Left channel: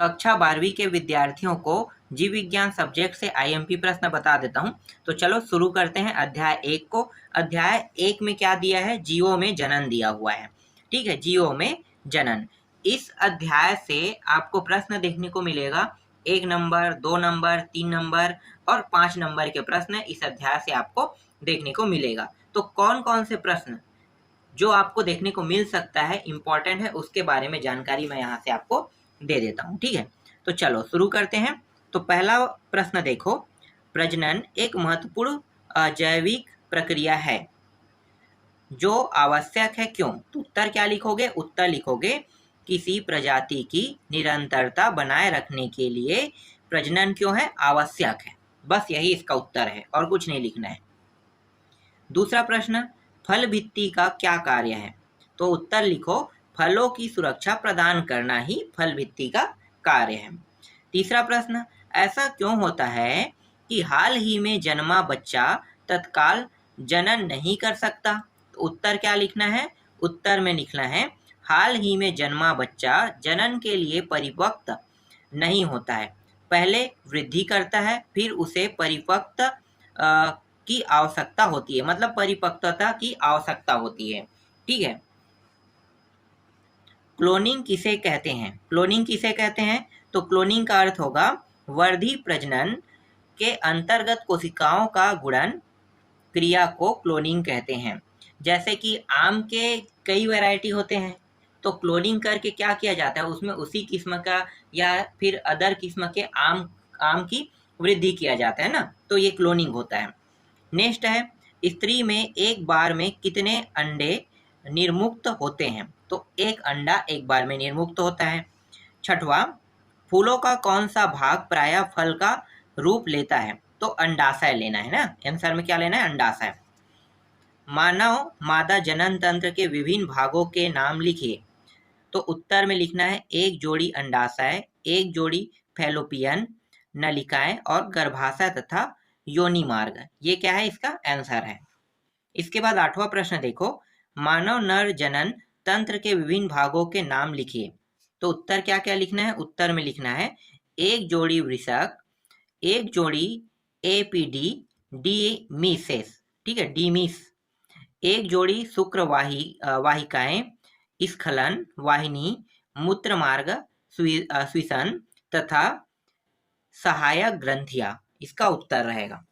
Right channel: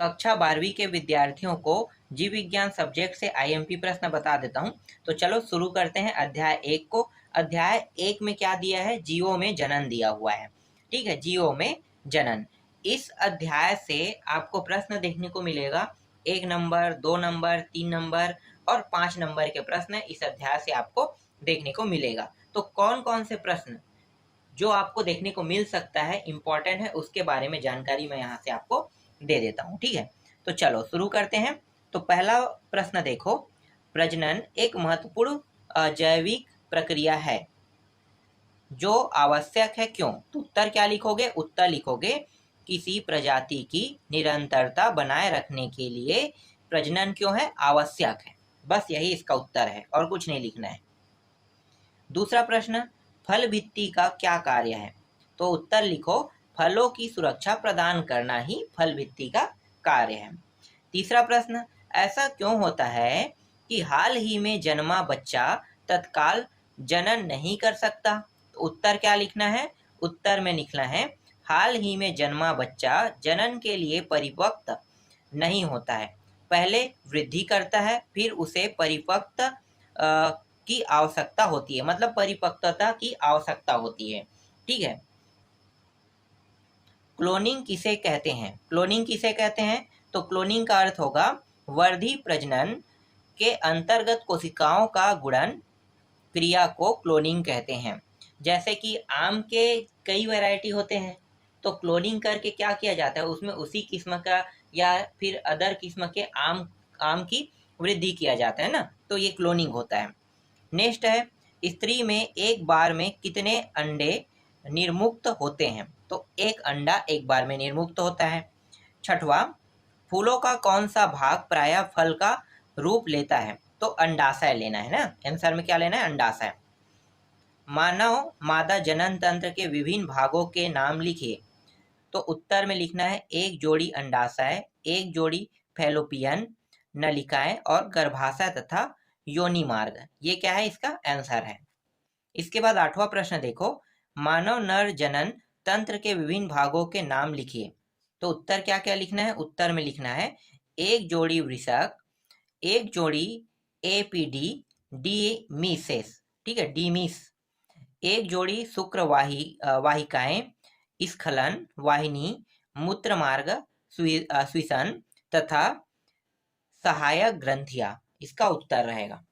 कक्षा 12वीं के विद्यार्थियों को जीव विज्ञान सब्जेक्ट से आईएमपी प्रश्न बता देता हूं। तो चलो शुरू करते हैं अध्याय 1 को। अध्याय 1 में क्या दिया है? जीवों में जनन दिया हुआ है। ठीक है, जीवों में जनन। इस अध्याय से आपको प्रश्न देखने को मिलेगा 1 नंबर, 2 नंबर, 3 नंबर और 5 नंबर के प्रश्न इस अध्याय से आपको देखने को मिलेगा। तो कौन कौन से प्रश्न जो आपको देखने को मिल सकता है, इंपॉर्टेंट है, उसके बारे में जानकारी मैं यहाँ से आपको दे देता हूँ। ठीक है, तो चलो शुरू करते हैं। तो पहला प्रश्न देखो, प्रजनन एक महत्वपूर्ण अजैविक प्रक्रिया है जो आवश्यक है, क्यों? तो उत्तर क्या लिखोगे? उत्तर लिखोगे किसी प्रजाति की निरंतरता बनाए रखने के लिए प्रजनन क्यों है? आवश्यक है। बस यही इसका उत्तर है और कुछ नहीं लिखना है। दूसरा प्रश्न, फल भित्ति का क्या कार्य है? तो उत्तर लिखो फलों की सुरक्षा प्रदान करना ही फल भित्ति का कार्य है। तीसरा प्रश्न, ऐसा क्यों होता है कि हाल ही में जन्मा बच्चा तत्काल जनन नहीं कर सकता? तो उत्तर क्या लिखना है? उत्तर में लिखना है हाल ही में जन्मा बच्चा जनन के लिए परिपक्व नहीं होता है, पहले वृद्धि करता है, फिर उसे परिपक्व की आवश्यकता होती है, मतलब परिपक्वता की आवश्यकता होती है। ठीक है, क्लोनिंग किसे कहते हैं? क्लोनिंग किसे कहते हैं? तो क्लोनिंग का अर्थ होगा वर्धी प्रजनन के अंतर्गत कोशिकाओं का गुणन क्रिया को क्लोनिंग कहते हैं। जैसे कि आम के कई वैरायटी होते हैं, तो क्लोनिंग करके क्या किया जाता है, उसमें उसी किस्म का या फिर अदर किस्म के आम की वृद्धि किया जाता है ना, तो ये क्लोनिंग होता है। नेक्स्ट है, स्त्री में एक बार में कितने अंडे निर्मुक्त होते हैं? तो एक अंडा एक बार में निर्मुक्त होता है। छठवा, फूलों का कौन सा भाग प्रायः फल का रूप लेता है? तो अंडाशय लेना है ना, आंसर में क्या लेना है? अंडाशय। मानव मादा जनन तंत्र के विभिन्न भागों के नाम लिखिए। तो उत्तर में लिखना है एक जोड़ी अंडाशय, एक जोड़ी फैलोपियन नलिकाएं और गर्भाशय तथा योनि मार्ग। ये क्या है? इसका आंसर है। इसके बाद 8वां प्रश्न देखो, मानव नर जनन तंत्र के विभिन्न भागों के नाम लिखिए। तो उत्तर क्या क्या लिखना है? उत्तर में लिखना है एक जोड़ी वृषक, एक जोड़ी एपीडी डीमीसेस, ठीक है, डीमीस, एक जोड़ी शुक्र वाहिकाएं, स्खलन वाहिनी, मूत्र मार्ग, श्वसन तथा सहायक ग्रंथियां। इसका उत्तर रहेगा।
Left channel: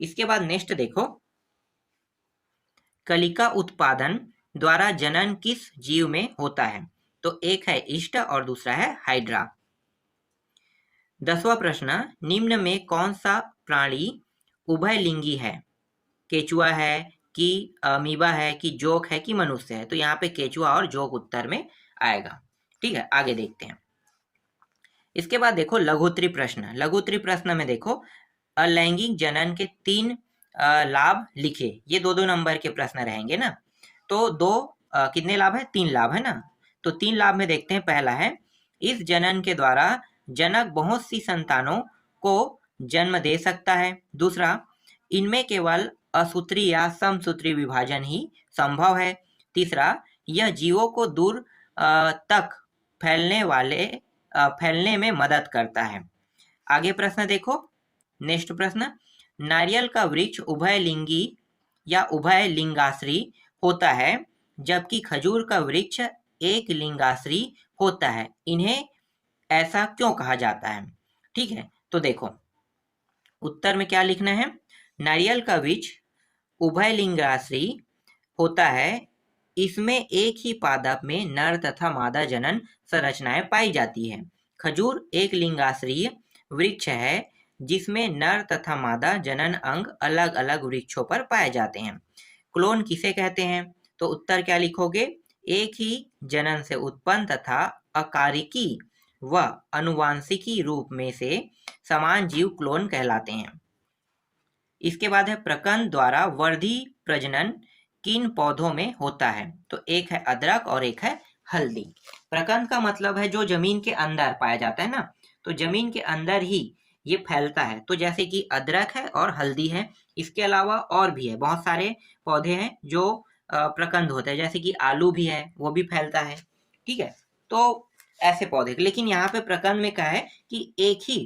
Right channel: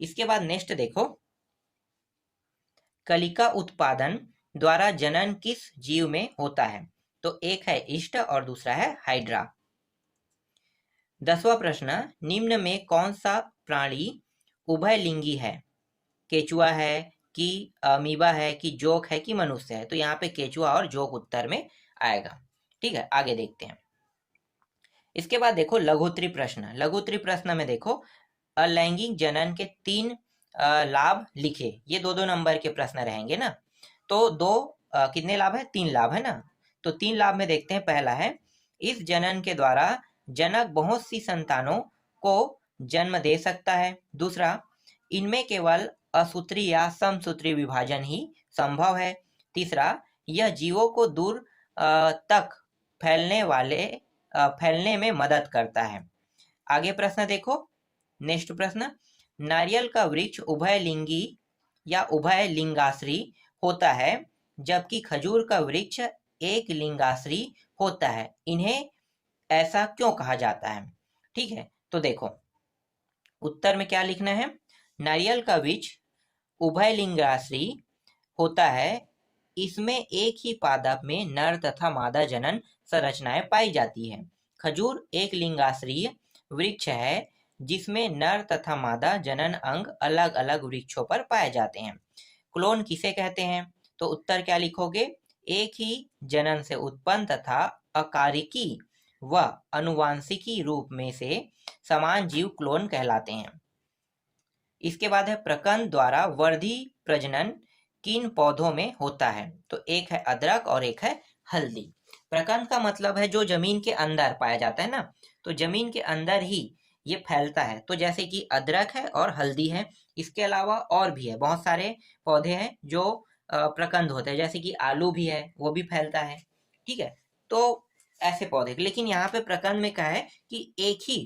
इसके बाद नेक्स्ट देखो, कलिका उत्पादन द्वारा जनन किस जीव में होता है? तो एक है ईस्ट और दूसरा है हाइड्रा। 10वां प्रश्न, निम्न में कौन सा प्राणी उभयलिंगी है? केचुआ है कि अमीबा है कि जोक है कि मनुष्य है? तो यहाँ पे केचुआ और जोक उत्तर में आएगा। ठीक है, आगे देखते हैं। इसके बाद देखो लघुत्तरी प्रश्न। लघुत्तरी प्रश्न में देखो अलैंगिक जनन के 3 लाभ लिखे। ये 2-2 नंबर के प्रश्न रहेंगे ना। तो कितने लाभ है? 3 लाभ है ना। तो 3 लाभ में देखते हैं। पहला है, इस जनन के द्वारा जनक बहुत सी संतानों को जन्म दे सकता है। दूसरा, इनमें केवल असूत्री या समसूत्री विभाजन ही संभव है। तीसरा, यह जीवों को दूर तक फैलने में मदद करता है। आगे प्रश्न देखो, नेक्स्ट प्रश्न, नारियल का वृक्ष उभयलिंगी या उभयलिंगाश्री होता है जबकि खजूर का वृक्ष एक लिंगाश्री होता है, इन्हें ऐसा क्यों कहा जाता है? ठीक है, तो देखो उत्तर में क्या लिखना है? नारियल का वृक्ष उभयलिंगाश्री होता है, इसमें एक ही पादप में नर तथा मादा जनन संरचनाएं पाई जाती है। खजूर एक लिंगाश्रीय वृक्ष है जिसमें नर तथा मादा जनन अंग अलग अलग वृक्षों पर पाए जाते हैं। क्लोन किसे कहते हैं? तो उत्तर क्या लिखोगे? एक ही जनन से उत्पन्न तथा अकारिकी व अनुवांशिकी रूप में से समान जीव क्लोन कहलाते हैं। इसके बाद है, प्रकंद द्वारा वर्धी प्रजनन किन पौधों में होता है? तो एक है अदरक और एक है हल्दी। प्रकंद का मतलब है जो जमीन के अंदर पाया जाता है ना, तो जमीन के अंदर ही ये फैलता है। तो जैसे कि अदरक है और हल्दी है। इसके अलावा और भी है, बहुत सारे पौधे हैं जो प्रकंद होते हैं, जैसे कि आलू भी है, वो भी फैलता है। ठीक है, तो ऐसे पौधे, लेकिन यहाँ पे प्रकंद में क्या है कि एक ही,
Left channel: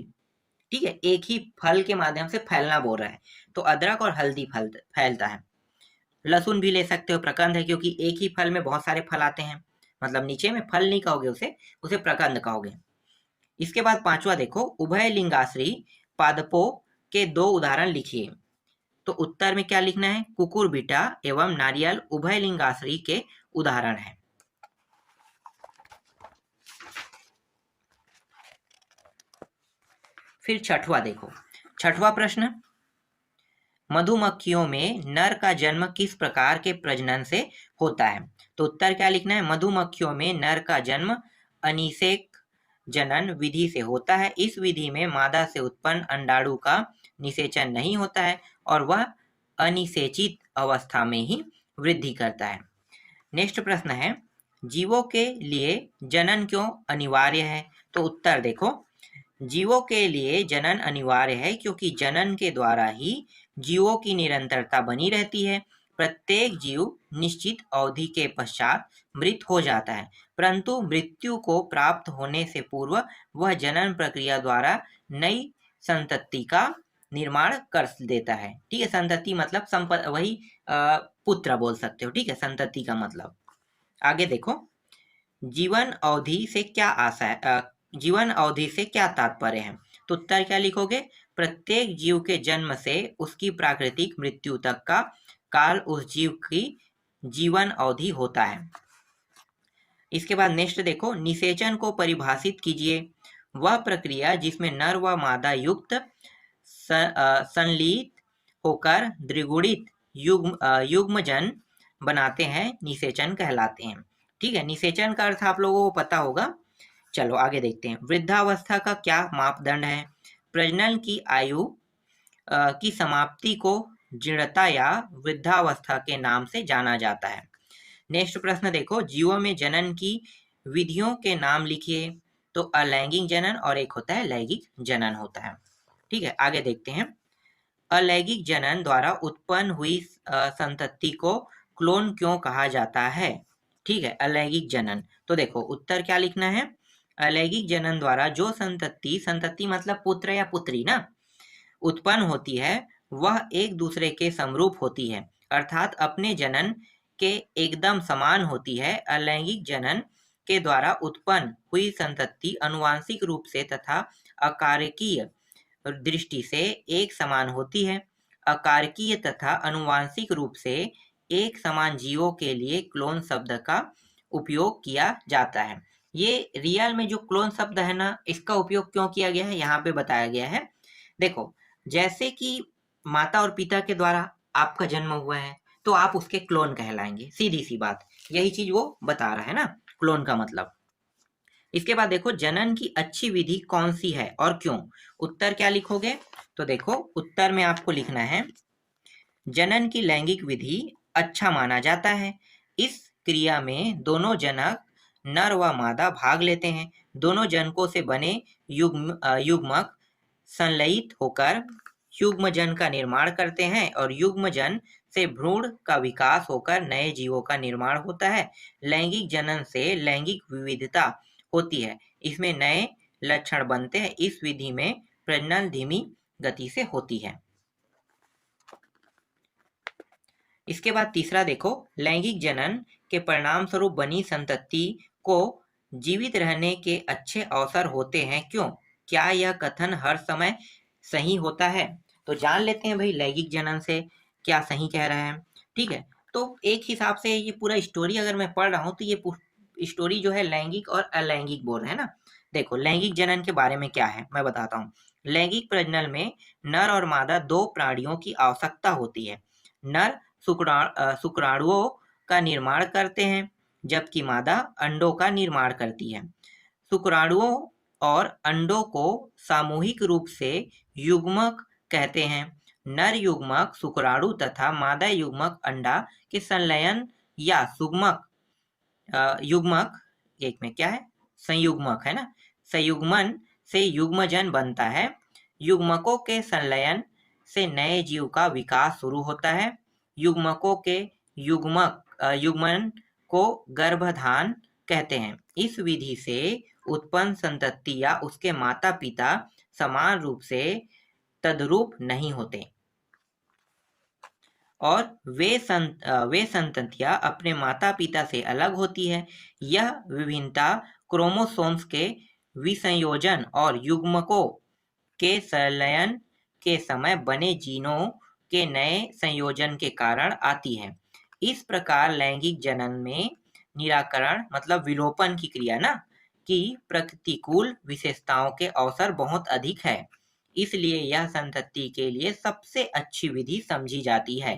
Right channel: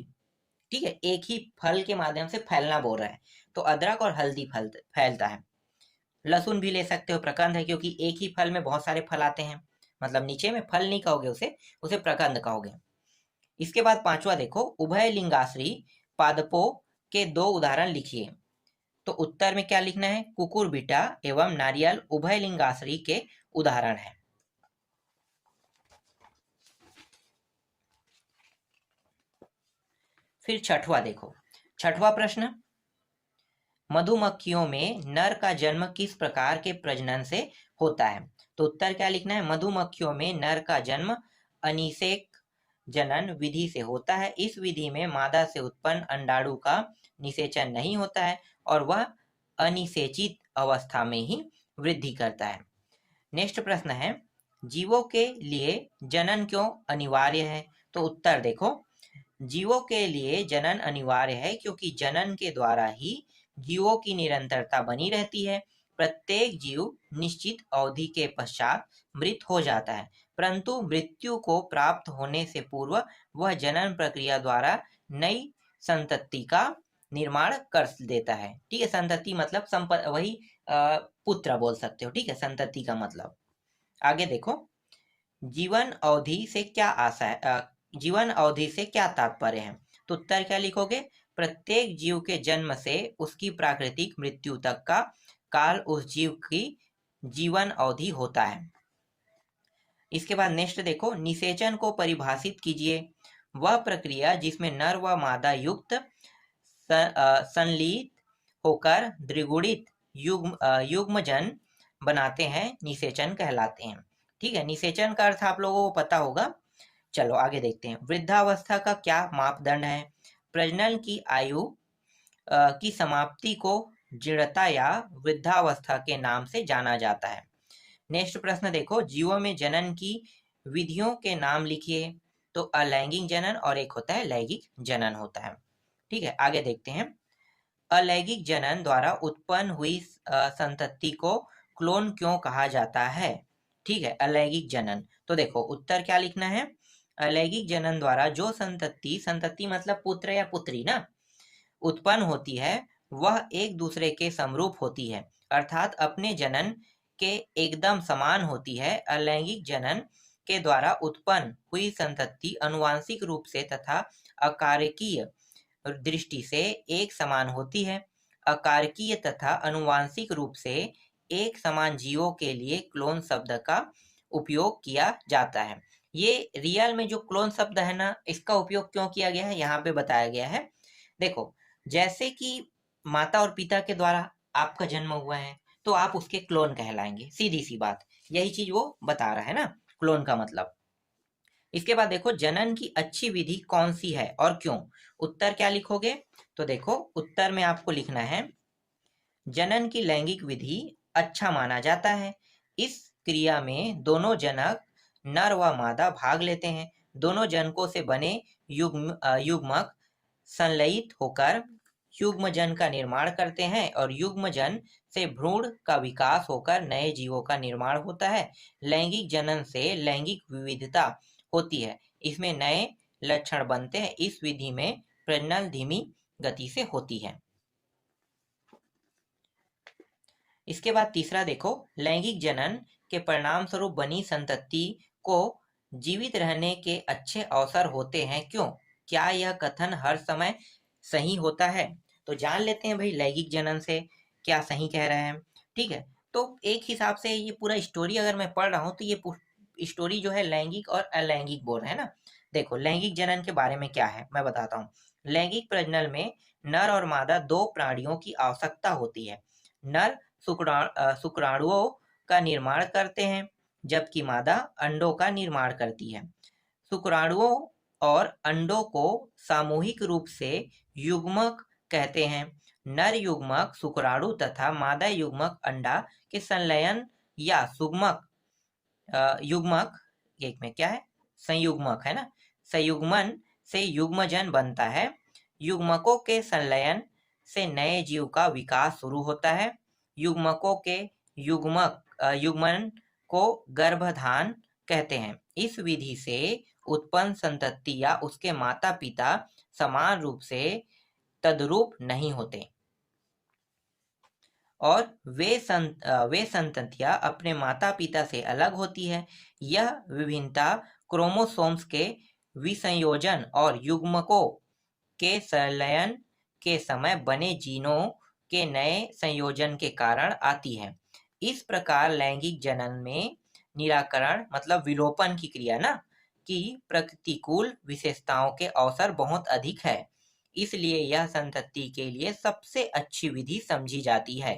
ठीक है, एक ही फल के माध्यम से फैलना बोल रहा है। तो अदरक और हल्दी फैलता है। लहसुन भी ले सकते हो, प्रकंद है, क्योंकि एक ही फल में बहुत सारे फल आते हैं, मतलब नीचे में फल नहीं कहोगे उसे, उसे प्रकंद कहोगे। इसके बाद पांचवा देखो, उभय लिंगाश्री पादपों के दो उदाहरण लिखिए। तो उत्तर में क्या लिखना है, कुकुरबिटा एवं नारियल उभय लिंगाश्री के उदाहरण है। फिर छठवा देखो, छठवा प्रश्न, मधुमक्खियों में नर का जन्म किस प्रकार के प्रजनन से होता है। तो उत्तर क्या लिखना है, मधुमक्खियों में नर का जन्म अनिषेक जनन विधि से होता है। इस विधि में मादा से उत्पन्न अंडाणु का निषेचन नहीं होता है और वह अनिषेचित अवस्था में ही वृद्धि करता है। नेक्स्ट प्रश्न है, जीवों के लिए जनन क्यों अनिवार्य है। तो उत्तर देखो, जीवों के लिए जनन अनिवार्य है क्योंकि जनन के द्वारा ही जीवों की निरंतरता बनी रहती है। प्रत्येक जीव निश्चित अवधि के पश्चात मृत हो जाता है, परंतु मृत्यु को प्राप्त होने से पूर्व वह जनन प्रक्रिया द्वारा नई संतति का निर्माण कर देता है। ठीक है, संतति मतलब वही पुत्र बोल सकते हो। ठीक है, संतति का मतलब। आगे देखो, जीवन अवधि से क्या आशा है, जीवन अवधि से क्या तात्पर्य है। तो उत्तर क्या लिखोगे, प्रत्येक जीव के जन्म से उसकी प्राकृतिक मृत्यु तक का काल उस जीव की जीवन अवधि होता है। इसके बाद नेक्स्ट देखो, निषेचन को परिभाषित कीजिए। वह प्रक्रिया जिसमें नर व मादा युक्त संलीत होकर द्विगुणित युग्मजन बनाते हैं, निषेचन कहलाते हैं। ठीक है, निषेचन का अर्थ आप लोगों को पता होगा। चलो आगे देखते हैं, वृद्धावस्था का क्या मापदंड है। प्रजनन की आयु की समाप्ति को जीर्णता या वृद्धावस्था के नाम से जाना जाता है। नेक्स्ट प्रश्न देखो, जीवों में जनन की विधियों के नाम लिखिए। तो अलैंगिक जनन और एक होता है लैंगिक जनन होता है। ठीक है, आगे देखते हैं, अलैंगिक जनन द्वारा उत्पन्न हुई संतति को क्लोन क्यों कहा जाता है। ठीक है, अलैंगिक जनन। तो देखो उत्तर क्या लिखना है, अलैंगिक जनन द्वारा जो संतति मतलब पुत्र या पुत्री ना, उत्पन्न होती है वह एक दूसरे के समरूप होती है, अर्थात अपने जनन के एकदम समान होती है। अलैंगिक जनन के द्वारा उत्पन्न हुई संतति अनुवांशिक रूप से तथा अकारकीय दृष्टि से एक समान होती है। अकारकीय तथा अनुवांशिक रूप से एक समान जीवों के लिए क्लोन शब्द का उपयोग किया जाता है। ये रियल में जो क्लोन शब्द है ना, इसका उपयोग क्यों किया गया है यहाँ पे बताया गया है। देखो, जैसे कि माता और पिता के द्वारा आपका जन्म हुआ है तो आप उसके क्लोन कहलाएंगे, सीधी सी बात, यही चीज वो बता रहा है ना, क्लोन का मतलब। इसके बाद देखो, जनन की अच्छी विधि कौन सी है और क्यों। उत्तर क्या लिखोगे, तो देखो उत्तर में आपको लिखना है, जनन की लैंगिक विधि अच्छा माना जाता है। इस क्रिया में दोनों जनक नर व मादा भाग लेते हैं। दोनों जनकों से बने युग्मक संलयित होकर युग्मजन का निर्माण करते हैं और युग्मजन से भ्रूण का विकास होकर नए जीवों का निर्माण होता है। लैंगिक जनन से लैंगिक विविधता होती है, इसमें नए लक्षण बनते हैं। इस विधि में प्रजनन धीमी गति से होती है। इसके बाद तीसरा देखो, लैंगिक जनन के परिणाम स्वरूप बनी संतति को जीवित रहने के अच्छे अवसर होते हैं, क्यों। क्या यह कथन हर समय सही होता है। तो जान लेते हैं भाई लैंगिक जनन से क्या सही कह रहे हैं। ठीक है, तो एक हिसाब से ये पूरा स्टोरी अगर मैं पढ़ रहा हूँ तो ये स्टोरी जो है लैंगिक और अलैंगिक बोल रहे हैं ना। देखो लैंगिक जनन के बारे में क्या है मैं बताता हूँ। लैंगिक प्रजनन में नर और मादा दो प्राणियों की आवश्यकता होती है। नर शुक्राणुओं का निर्माण करते हैं जबकि मादा अंडों का निर्माण करती है। शुक्राणुओं और अंडों को सामूहिक रूप से युग्मक कहते हैं। नर युग्मक शुक्राणु तथा मादा युग्मक अंडा के संलयन या युग्मक एक में क्या है, संयुग्मक है ना, संयुग्मन से युग्मजन बनता है। युग्मकों के संलयन से नए जीव का विकास शुरू होता है। युग्मकों के युग्मन को गर्भधान कहते हैं। इस विधि से उत्पन्न संतति या उसके माता पिता समान रूप से तद्रूप नहीं होते और वे संततियां अपने माता पिता से अलग होती है। यह विभिन्नता क्रोमोसोम्स के विसंयोजन और युग्मकों के संलयन के समय बने जीनों के नए संयोजन के कारण आती है। इस प्रकार लैंगिक जनन में निराकरण मतलब विलोपन की क्रिया ना की प्रतिकूल विशेषताओं के अवसर बहुत अधिक है, इसलिए यह संतति के लिए सबसे अच्छी विधि समझी जाती है।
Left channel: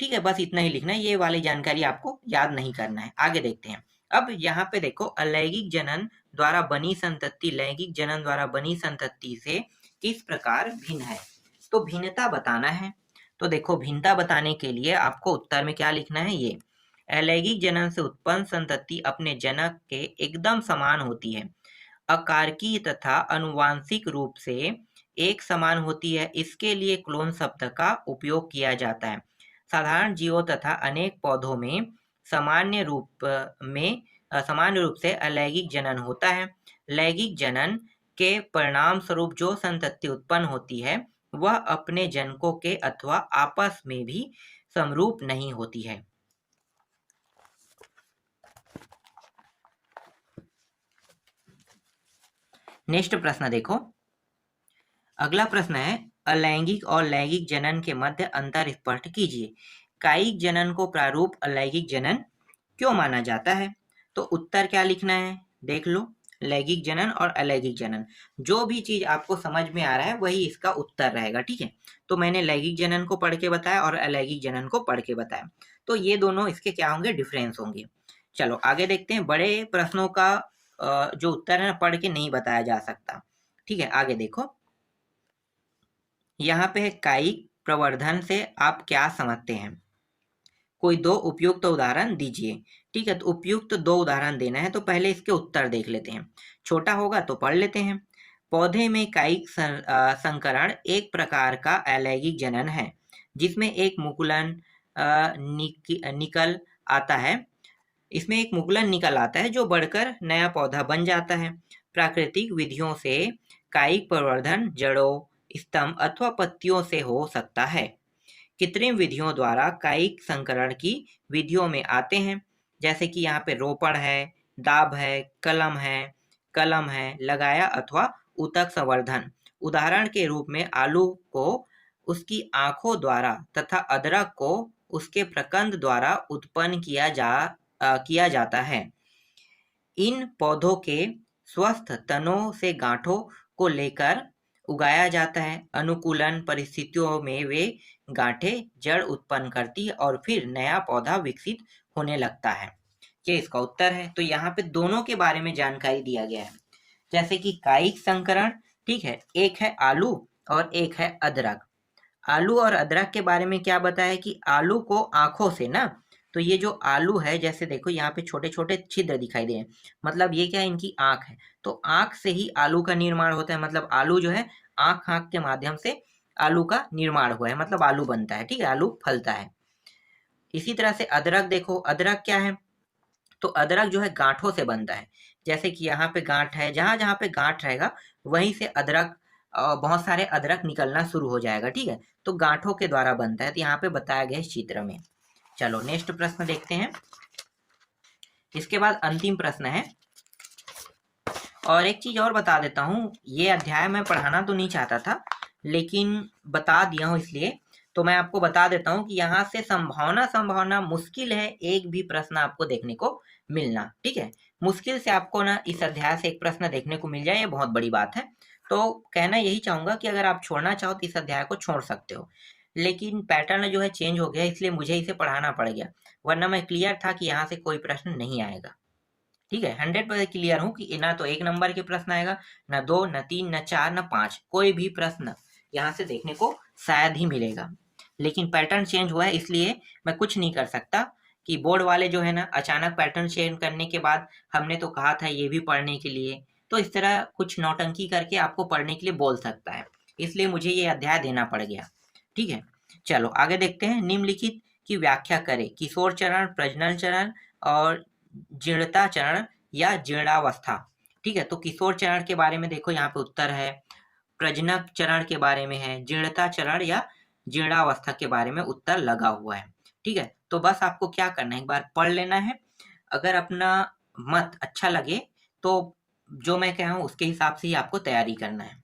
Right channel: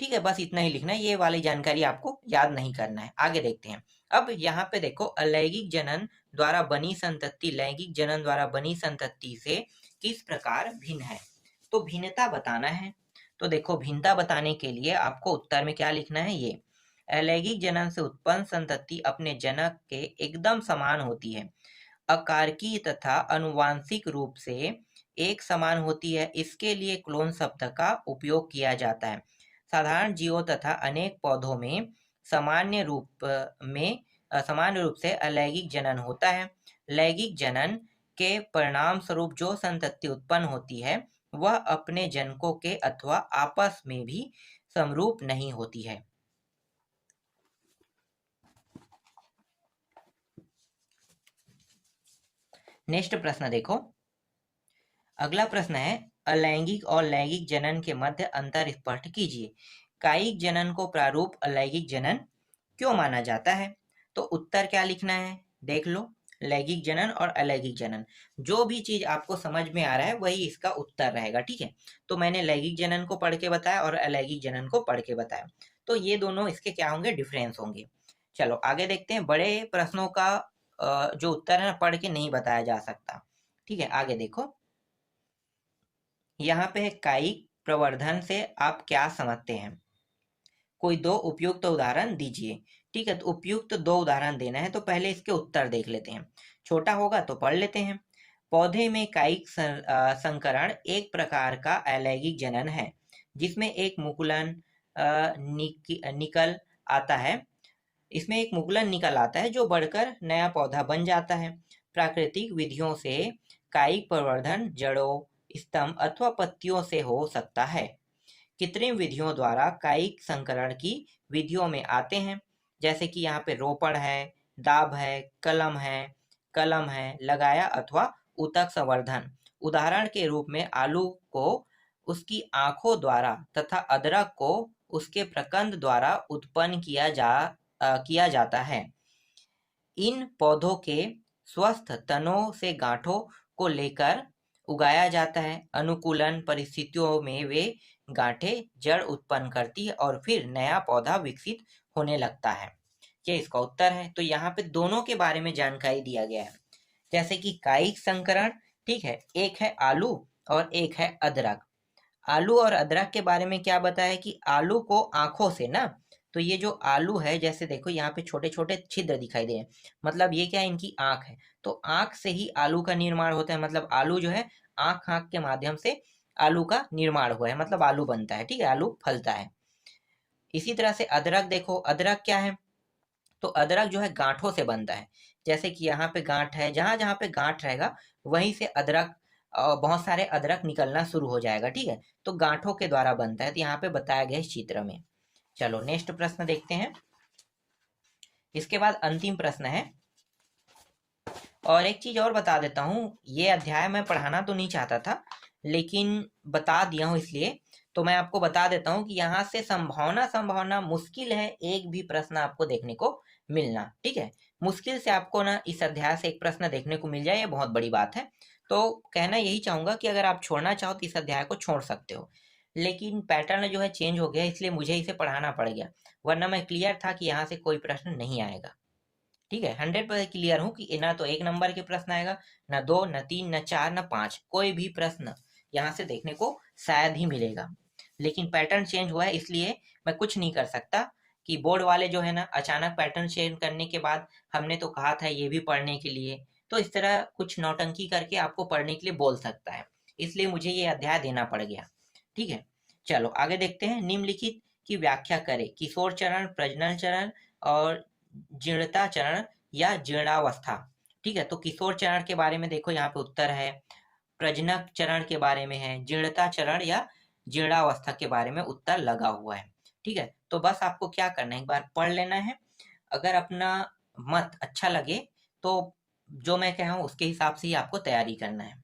ठीक है, बस इतना ही लिखना है, ये वाली जानकारी आपको याद नहीं करना है। आगे देखते हैं। अब यहाँ पे देखो, अलैंगिक जनन द्वारा बनी संतति लैंगिक जनन द्वारा बनी संतति से किस प्रकार भिन्न है, तो भिन्नता बताना है। तो देखो, भिन्नता बताने के लिए आपको उत्तर में क्या लिखना है, ये अलैंगिक जनन से उत्पन्न संतति अपने जनक के एकदम समान होती है, अकारकीय तथा अनुवांशिक रूप से एक समान होती है। इसके लिए क्लोन शब्द का उपयोग किया जाता है। साधारण जीवों तथा अनेक पौधों में सामान्य रूप से अलैंगिक जनन होता है। लैंगिक जनन के परिणाम स्वरूप जो संतति उत्पन्न होती है वह अपने जनकों के अथवा आपस में भी समरूप नहीं होती है। नेक्स्ट प्रश्न देखो, अगला प्रश्न है, अलैंगिक और लैंगिक जनन के मध्य अंतर स्पष्ट कीजिए। कायिक जनन को प्रारूप अलैंगिक जनन क्यों माना जाता है? तो उत्तर क्या लिखना है, देख लो। लैंगिक जनन और अलैंगिक जनन, जो भी चीज आपको समझ में आ रहा है वही इसका उत्तर रहेगा, ठीक है। तो मैंने लैंगिक जनन को पढ़ के बताया और अलैंगिक जनन को पढ़ के बताया, तो ये दोनों इसके क्या होंगे, डिफरेंस होंगे। चलो आगे देखते हैं। बड़े प्रश्नों का जो उत्तर है पढ़ के नहीं बताया जा सकता, ठीक है। आगे देखो, यहाँ पे कायिक प्रवर्धन से आप क्या समझते हैं, कोई दो उपयुक्त उदाहरण दीजिए, ठीक है। तो उपयुक्त दो उदाहरण देना है, तो पहले इसके उत्तर देख लेते हैं। छोटा होगा तो पढ़ लेते हैं। पौधे में कायिक संकरण एक प्रकार का अलैंगिक जनन है, जिसमें एक मुकुलन निकल आता है। इसमें एक मुकुलन निकल आता है जो बढ़कर नया पौधा बन जाता है। प्राकृतिक विधियों से कायिक प्रवर्धन जड़ों, स्तंभ अथवा पत्तियों से हो सकता है। कृत्रिम विधियों द्वारा कायिक संकरण की विधियों में आते हैं, जैसे कि यहाँ पे रोपण है, दाब है, कलम है, लगाया अथवा ऊतक संवर्धन। उदाहरण के रूप में आलू को उसकी आंखों द्वारा तथा अदरक को उसके प्रकंद द्वारा उत्पन्न किया जाता है। इन पौधों के स्वस्थ तनों से गांठों को लेकर उगाया जाता है। अनुकूलन परिस्थितियों में वे गांठें जड़ उत्पन्न करती है और फिर नया पौधा विकसित होने लगता है। ये इसका उत्तर है। तो यहाँ पे दोनों के बारे में जानकारी दिया गया है, जैसे कि कायिक संकरण, ठीक है, एक है आलू और एक है अदरक। आलू और अदरक के बारे में क्या बताया कि आलू को आंखों से ना, तो ये जो आलू है, जैसे देखो यहाँ पे छोटे छोटे छिद्र दिखाई दे रहे हैं, मतलब ये क्या है, इनकी आंख है। तो आंख से ही आलू का निर्माण होता है, मतलब आलू जो है आंख के माध्यम से आलू का निर्माण हुआ है, मतलब आलू बनता है, ठीक है, आलू फलता है। इसी तरह से अदरक देखो, अदरक क्या है, तो अदरक जो है गांठों से बनता है। जैसे कि यहाँ पे गांठ है, जहां जहां पे गांठ रहेगा वहीं से अदरक, बहुत सारे अदरक निकलना शुरू हो जाएगा, ठीक है। तो गांठों के द्वारा बनता है, तो यहाँ पे बताया गया इस चित्र में। चलो नेक्स्ट प्रश्न देखते हैं। इसके बाद अंतिम प्रश्न है, और एक चीज और बता देता हूँ, ये अध्याय मैं पढ़ाना तो नहीं चाहता था लेकिन बता दिया हूँ, इसलिए तो मैं आपको बता देता हूँ कि यहाँ से संभावना मुश्किल है एक भी प्रश्न आपको देखने को मिलना, ठीक है। मुश्किल से आपको ना इस अध्याय से एक प्रश्न देखने को मिल जाए, ये बहुत बड़ी बात है। तो कहना यही चाहूंगा कि अगर आप छोड़ना चाहो तो इस अध्याय को छोड़ सकते हो, लेकिन पैटर्न जो है चेंज हो गया, इसलिए मुझे इसे पढ़ाना पड़ गया, वरना मैं क्लियर था कि यहाँ से कोई प्रश्न नहीं आएगा, ठीक है। 100% क्लियर हूँ कि ना तो 1 नंबर के प्रश्न आएगा, ना 2, ना 3, ना 4, ना 5, कोई भी प्रश्न यहाँ से देखने को शायद ही मिलेगा। लेकिन पैटर्न चेंज हुआ है, इसलिए मैं कुछ नहीं कर सकता कि बोर्ड वाले जो है ना अचानक पैटर्न चेंज करने के बाद हमने तो कहा था ये भी पढ़ने के लिए, तो इस तरह कुछ नौटंकी करके आपको पढ़ने के लिए बोल सकता है, इसलिए मुझे ये अध्याय देना पड़ गया, ठीक है। चलो आगे देखते हैं। निम्नलिखित की व्याख्या करें। किशोर चरण, प्रजनन चरण और जीर्णता चरण या जीर्णावस्था। ठीक है, तो किशोर चरण के बारे में देखो यहाँ पे उत्तर है, प्रजनक चरण के बारे में है, जीर्णता चरण या जीर्णावस्था के बारे में उत्तर लगा हुआ है। ठीक है, तो बस आपको क्या करना है, एक बार पढ़ लेना है। अगर अपना मत अच्छा लगे तो जो मैं कह रहा हूँ उसके हिसाब से ही आपको तैयारी करना है।